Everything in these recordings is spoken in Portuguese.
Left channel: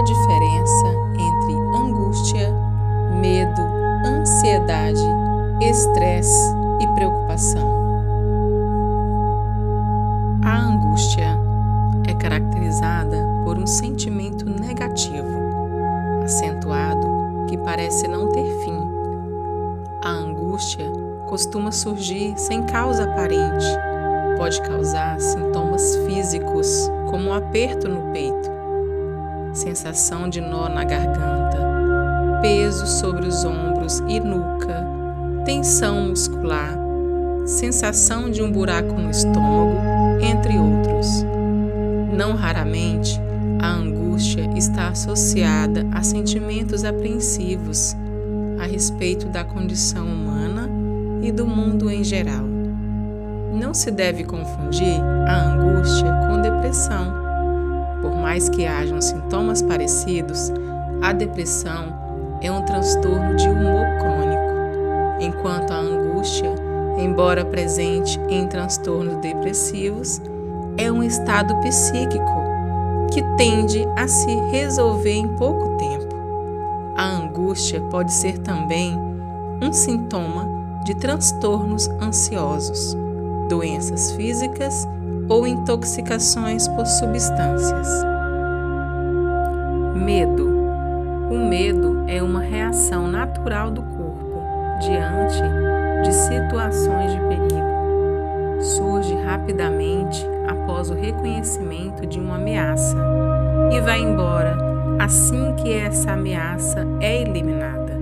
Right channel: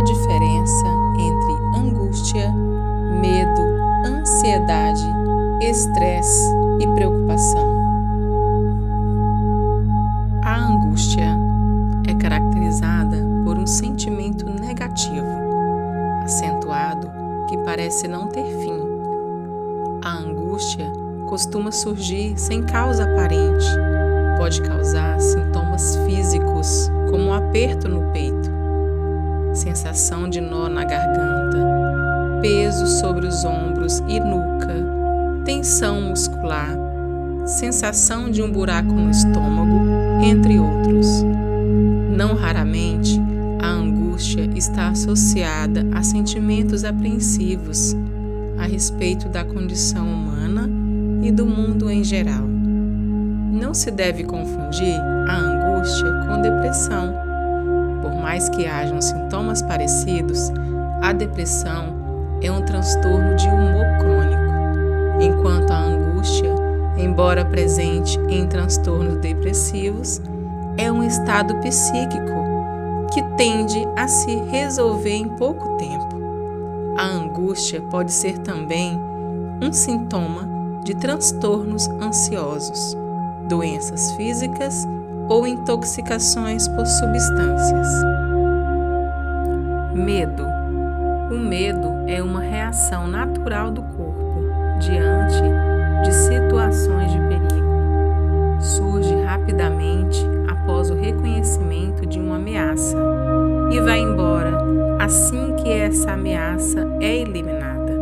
a diferença entre angústia, medo, ansiedade, estresse e preocupação? A angústia é caracterizada por um sentimento negativo, acentuado, que parece não ter fim. A angústia costuma surgir sem causa aparente. Pode causar sintomas físicos, como um aperto no peito, sensação de nó na garganta, peso sobre os ombros e nuca, tensão muscular, sensação de um buraco no estômago, entre outros. Não raramente, a angústia está associada a sentimentos apreensivos a respeito da condição humana e do mundo em geral. Não se deve confundir a angústia com depressão. Por mais que hajam sintomas parecidos, a depressão é um transtorno de humor crônico, enquanto a angústia, embora presente em transtornos depressivos, é um estado psíquico que tende a se resolver em pouco tempo. A angústia pode ser também um sintoma de transtornos ansiosos, doenças físicas ou intoxicações por substâncias. Medo. O medo é uma reação natural do corpo diante de situações de perigo. Surge rapidamente após o reconhecimento de uma ameaça e vai embora assim que essa ameaça é eliminada.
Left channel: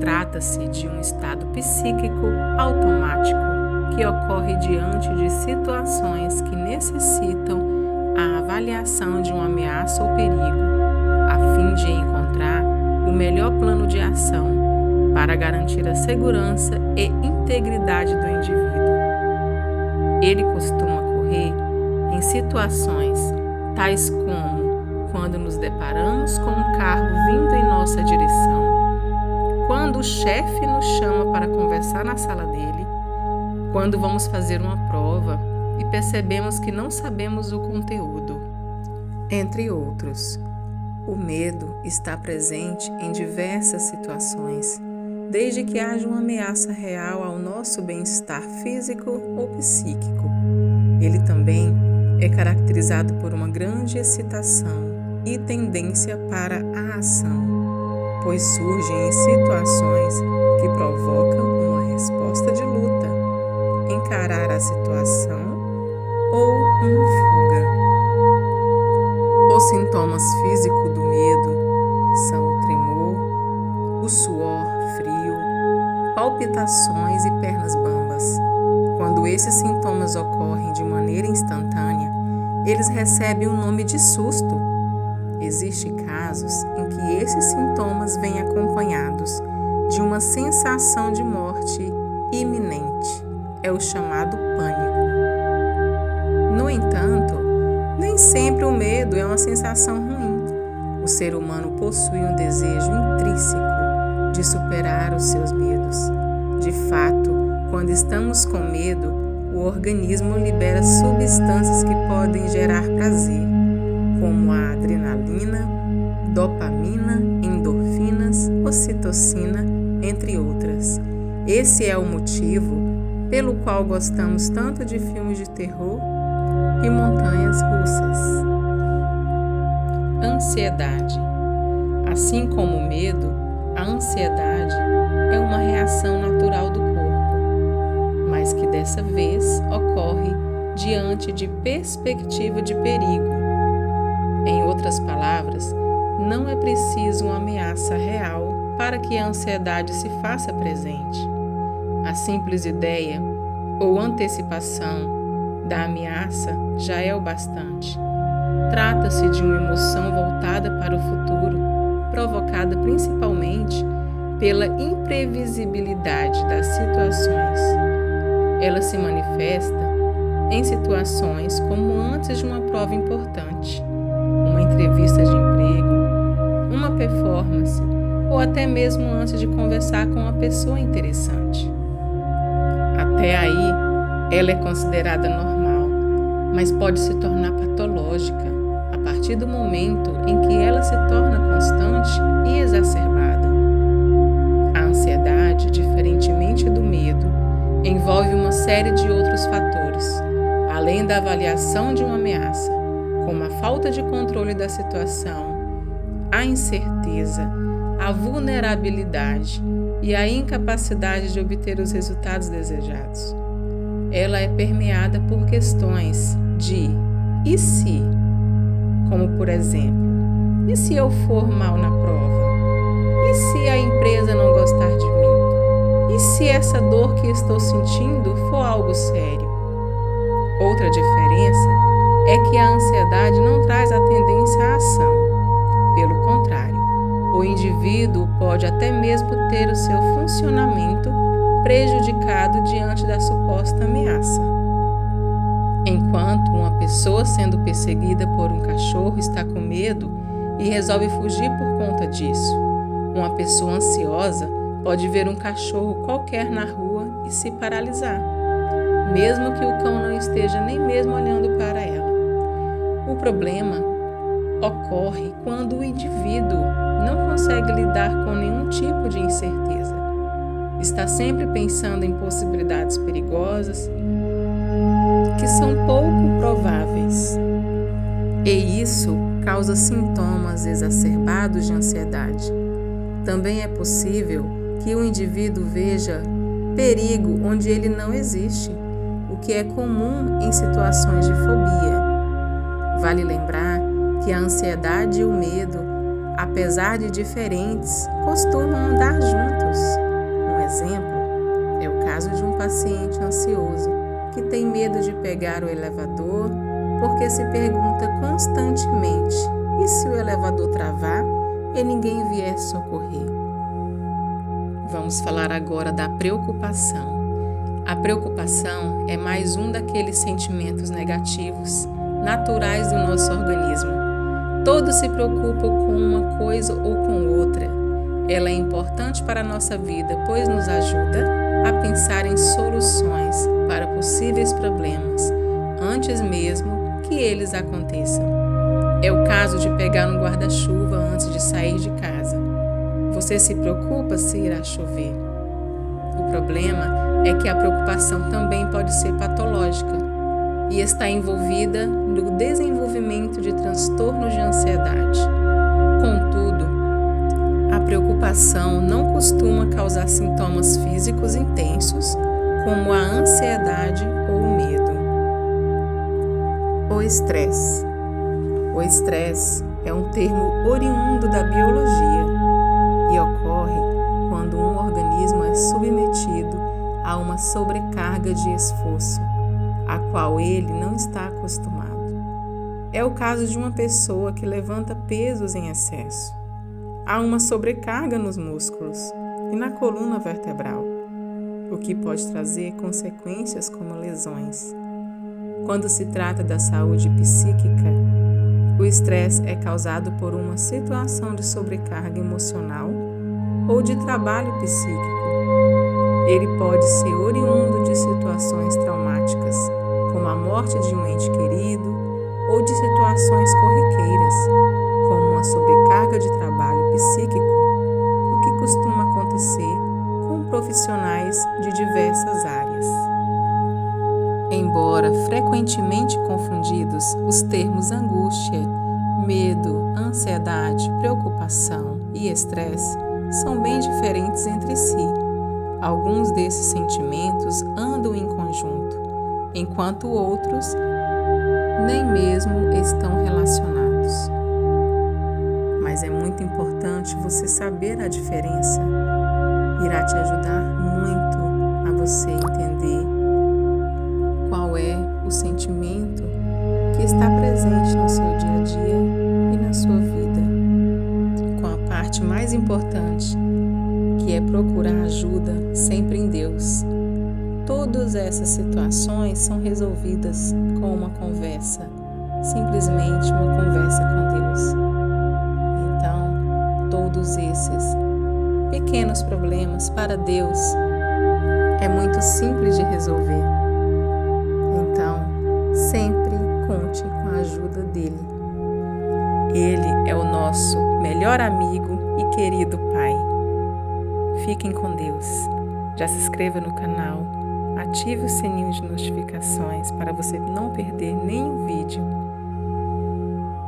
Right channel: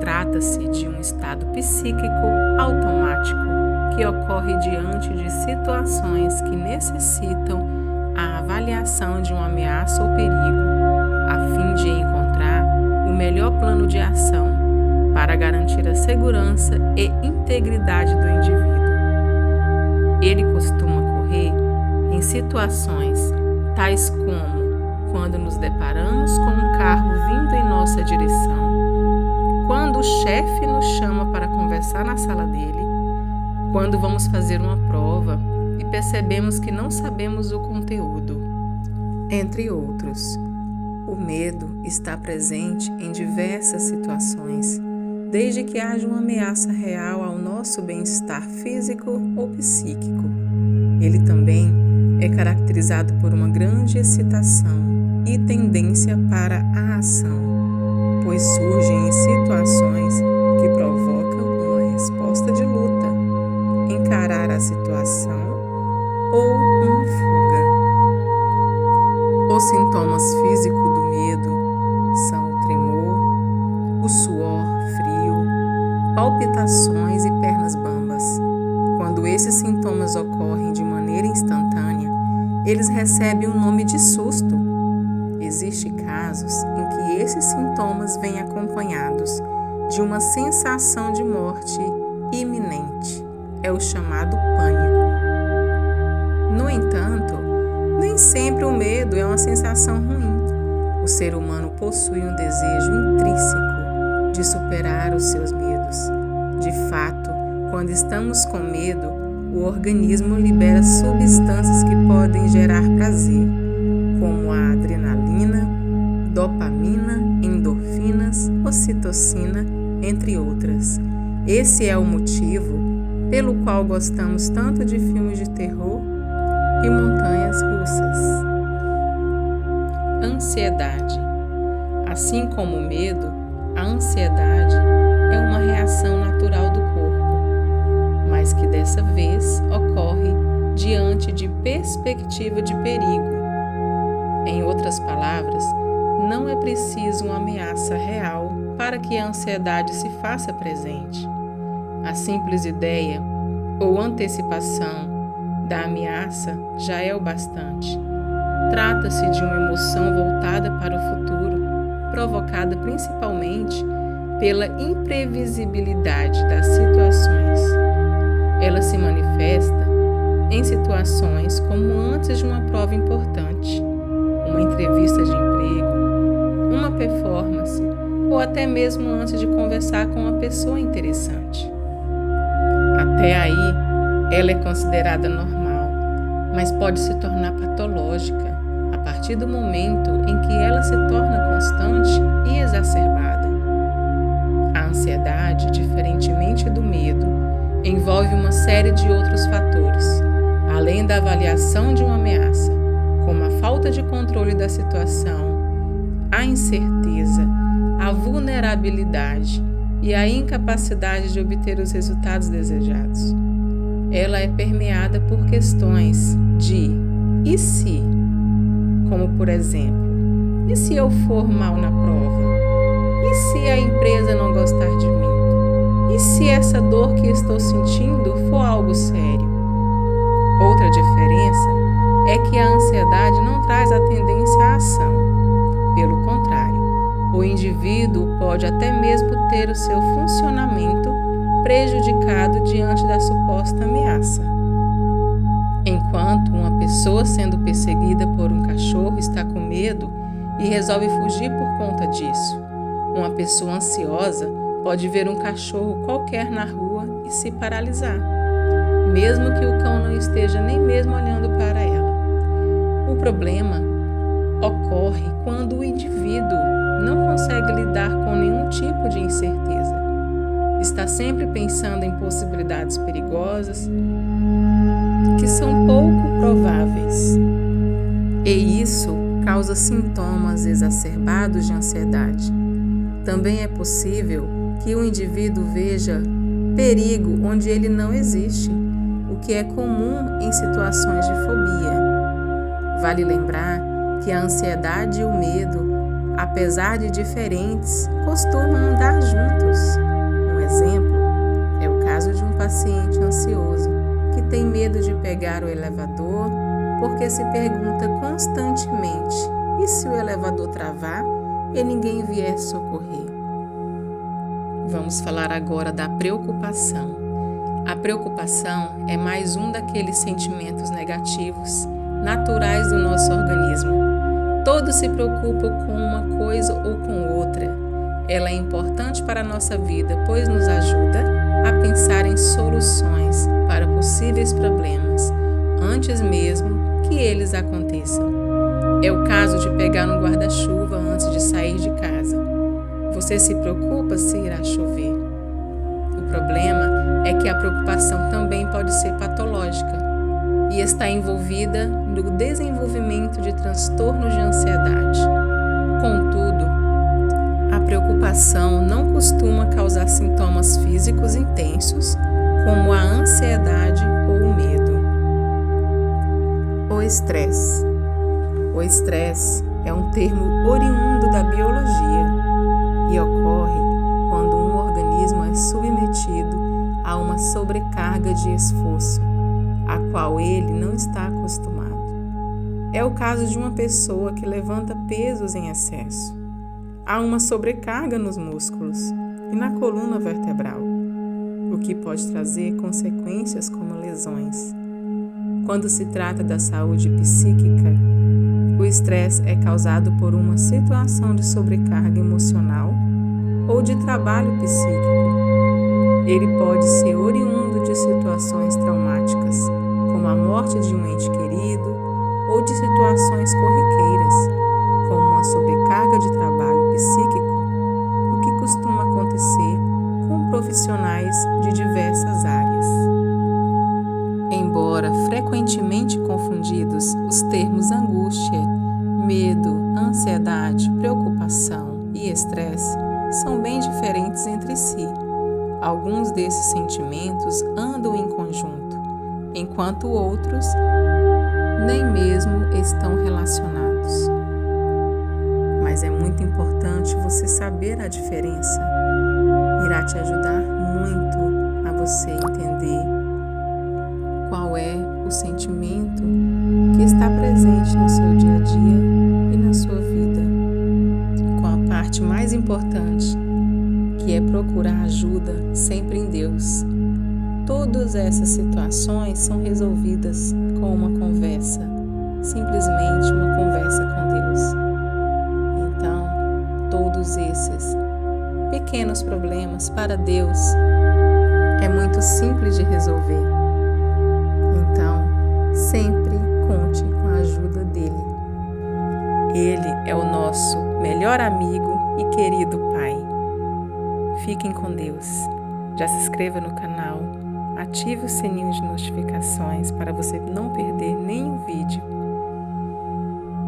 Trata-se de um estado psíquico automático que ocorre diante de situações que necessitam a avaliação de uma ameaça ou perigo, a fim de encontrar o melhor plano de ação para garantir a segurança e integridade do indivíduo. Ele costuma ocorrer em situações tais como quando nos deparamos com um carro vindo em nossa direção, quando o chefe nos chama para conversar na sala dele, quando vamos fazer uma prova e percebemos que não sabemos o conteúdo, entre outros. O medo está presente em diversas situações, desde que haja uma ameaça real ao nosso bem-estar físico ou psíquico. Ele também é caracterizado por uma grande excitação e tendência para a ação, pois surgem em situações que provocam uma resposta de luta, encarar a situação ou uma fuga. Os sintomas físicos do medo são o tremor, o suor frio, palpitações e pernas bambas. Quando esses sintomas ocorrem de maneira instantânea, eles recebem o nome de susto. Existem casos em que esses sintomas vêm acompanhados de uma sensação de morte iminente. É o chamado pânico. No entanto, nem sempre o medo é uma sensação ruim. O ser humano possui um desejo intrínseco de superar os seus medos. De fato, quando estamos com medo, o organismo libera substâncias que podem gerar prazer, como a adrenalina, dopamina, endorfinas, ocitocina, entre outras. Esse é o motivo pelo qual gostamos tanto de filmes de terror e montanhas russas. Ansiedade. Assim como o medo, a ansiedade é uma reação natural do corpo, mas que dessa vez ocorre diante de perspectiva de perigo. Em outras palavras, não é preciso uma ameaça real para que a ansiedade se faça presente. A simples ideia ou antecipação da ameaça já é o bastante. Trata-se de uma emoção voltada para o futuro, provocada principalmente pela imprevisibilidade das situações. Ela se manifesta em situações como antes de uma prova importante, uma entrevista de emprego, uma performance ou até mesmo antes de conversar com uma pessoa interessante. Até aí, ela é considerada normal, mas pode se tornar patológica a partir do momento em que ela se torna constante e exacerbada. A ansiedade, diferentemente do medo, envolve uma série de outros fatores, além da avaliação de uma ameaça, como a falta de controle da situação, a incerteza, a vulnerabilidade e a incapacidade de obter os resultados desejados. Ela é permeada por questões de "e se?", como por exemplo, e se eu for mal na prova? E se a empresa não gostar de mim? E se essa dor que estou sentindo for algo sério? Outra diferença é que a ansiedade não traz a tendência à ação. Pelo contrário, o indivíduo pode até mesmo ter o seu funcionamento prejudicado diante da suposta ameaça. Enquanto uma pessoa sendo perseguida por um cachorro está com medo e resolve fugir por conta disso, uma pessoa ansiosa pode ver um cachorro qualquer na rua e se paralisar, mesmo que o cão não esteja nem mesmo olhando para ela. O problema ocorre quando o indivíduo não consegue lidar com nenhum tipo de incerteza. Está sempre pensando em possibilidades perigosas que são pouco prováveis. E isso causa sintomas exacerbados de ansiedade. Também é possível que o indivíduo veja perigo onde ele não existe, o que é comum em situações de fobia. Vale lembrar que a ansiedade e o medo, apesar de diferentes, costumam andar juntos. Um exemplo é o caso de um paciente ansioso que tem medo de pegar o elevador porque se pergunta constantemente: e se o elevador travar e ninguém vier socorrer? Vamos falar agora da preocupação. A preocupação é mais um daqueles sentimentos negativos naturais do nosso organismo. Todos se preocupam com uma coisa ou com outra. Ela é importante para a nossa vida, pois nos ajuda a pensar em soluções para possíveis problemas, antes mesmo que eles aconteçam. É o caso de pegar um guarda-chuva antes de sair de casa. Você se preocupa se irá chover. O problema é que a preocupação também pode ser patológica e está envolvida no desenvolvimento de transtornos de ansiedade. Contudo, a preocupação não costuma causar sintomas físicos intensos, como a ansiedade ou o medo. O estresse. O estresse é um termo oriundo da biologia e ocorre quando um organismo é submetido a uma sobrecarga de esforço, a qual ele não está acostumado. É o caso de uma pessoa que levanta pesos em excesso. Há uma sobrecarga nos músculos e na coluna vertebral, o que pode trazer consequências como lesões. Quando se trata da saúde psíquica, o estresse é causado por uma situação de sobrecarga emocional ou de trabalho psíquico. Ele pode ser oriundo de situações traumáticas, como a morte de um ente querido, ou de situações corriqueiras, como uma sobrecarga de trabalho psíquico, o que costuma acontecer com profissionais de diversas áreas. Embora frequentemente confundidos, os termos angústia, medo, ansiedade, preocupação e estresse são bem diferentes entre si. Alguns desses sentimentos andam em conjunto, enquanto outros nem mesmo estão relacionados. Mas é muito importante você saber a diferença. Irá te ajudar muito a você entender qual é o sentimento que está presente no seu dia a dia e na sua vida, com a parte mais importante, que é procurar ajuda sempre em Deus. Todas essas situações são resolvidas com uma conversa, simplesmente uma conversa com Deus. Então, todos esses pequenos problemas para Deus é muito simples de resolver. Então, sempre conte com a ajuda dele. Ele é o nosso melhor amigo e querido Pai. Fiquem com Deus. Já se inscreva no canal, ative o sininho de notificações para você não perder nenhum vídeo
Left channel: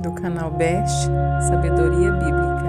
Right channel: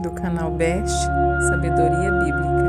do canal Best Sabedoria Bíblica.